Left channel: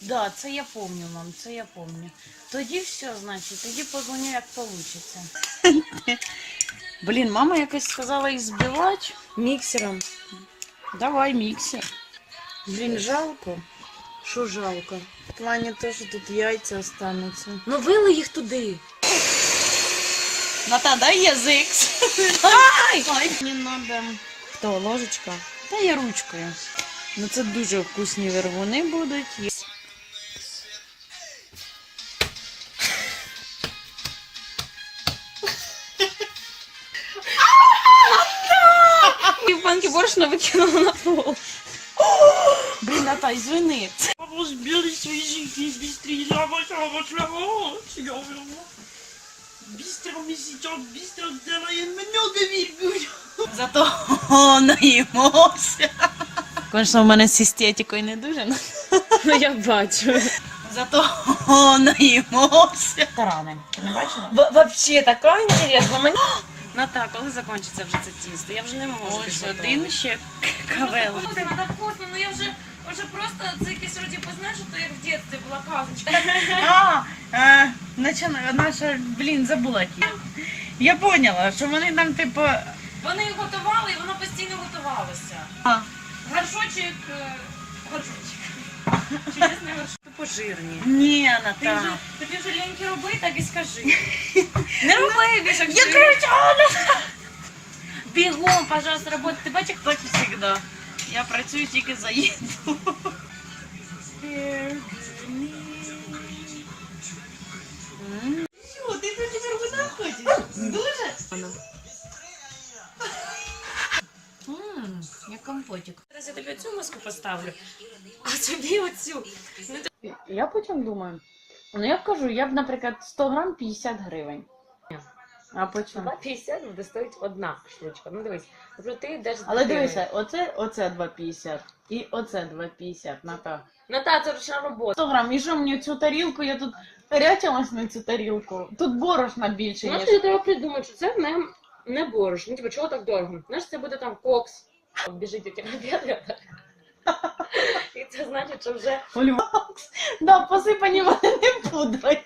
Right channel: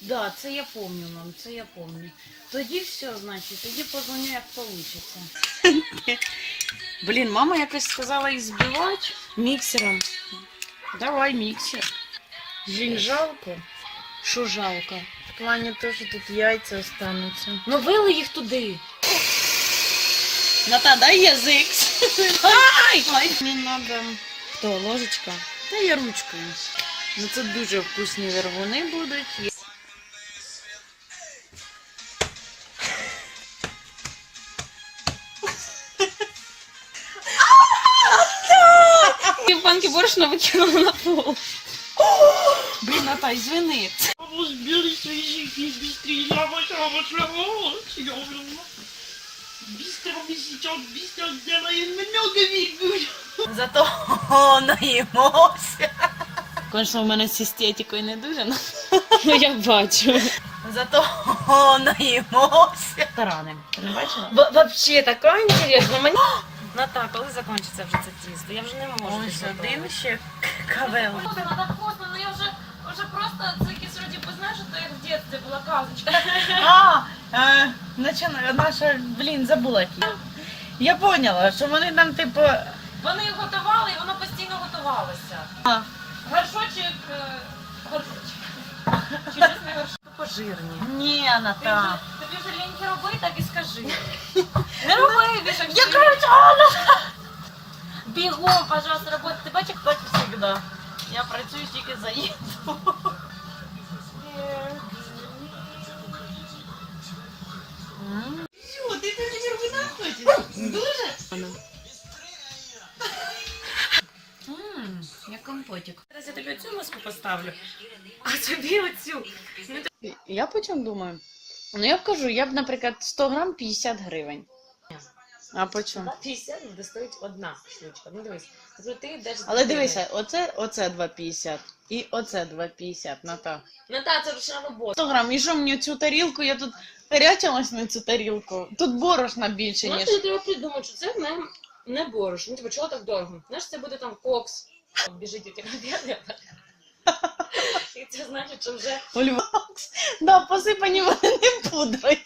Да, це я помню, мам, це я помню. Тоді все, значить, тоді позвоню, як вийде. Блін, мама якось сказала їх збивати міксером. Давай міксер. Блін, жалко. Що жалко? В плані того, що тут яйця остануться. Ну вили їх туди. Ната, дай язик. Ай! Мені треба Хто, ложечка? Та я ручкою. Ну це дуже вкусні вервуни будуть. Банки борошна викинула на пол. Блін, Ната, извини. Розбили свої жінки, бістрі, я ваша, ваша, я Бістро висічок, бістро делає, мене довірюють. Зато наїмося. Звісно, в мене з естетикою не дуже, но Ну я бачу. зато наїмося. Тарани. Не бачила? Вообще така інтересна. Ната, коли закінчиться вже це тісто? Я вже не можу. Ось один ще кавел. вона вкусно, ну я вже, вже просто це якесь вроді познаєш, то як в дитинстві була казочка. А, е, начина- наша, блін, забула які. Я поняла, що вони там, типу, Вони готували і воно постійно готувалося. А. Горшочок, е, горшочок. Чудесний горшочок. Пожирні. ні, Ти вже, Ната. тобі вже ліньки роби, так і скажи. Не роби більше. Я кричала! Бігом, пожалуйста, роботи. Ти бачиш, Так завжди. Я працюю тільки за їду. Що, ти тут тепер вина хочеш? Дуже? Ммм, як компотик. Зараз я тобі цю маску поставлю, а тобі оцю. Ну, Я потім думаю. Ну я кажу, я б, наприклад, 100 грам 50 гривень. А по чому? 2,50 буде стоїть одна штучка. Ну дивись, тобто ти йдеш з Але дитиною. дивися, оце, оце 2,50 і оце 2,50 на так. Ну та, це ручна робота. 100 грам, і що мені цю тарілку, я тут рятилась на цю тарілку. Тут борошна більше, Знаєш, ніж. тобі треба придумати, що це не, не борщ. Ну, типу, чого так дорого? Знаєш, це буде там кокс. Біжить у тебе обід. І це значить, що вже Ольва. Да, посипані вони не пудрою.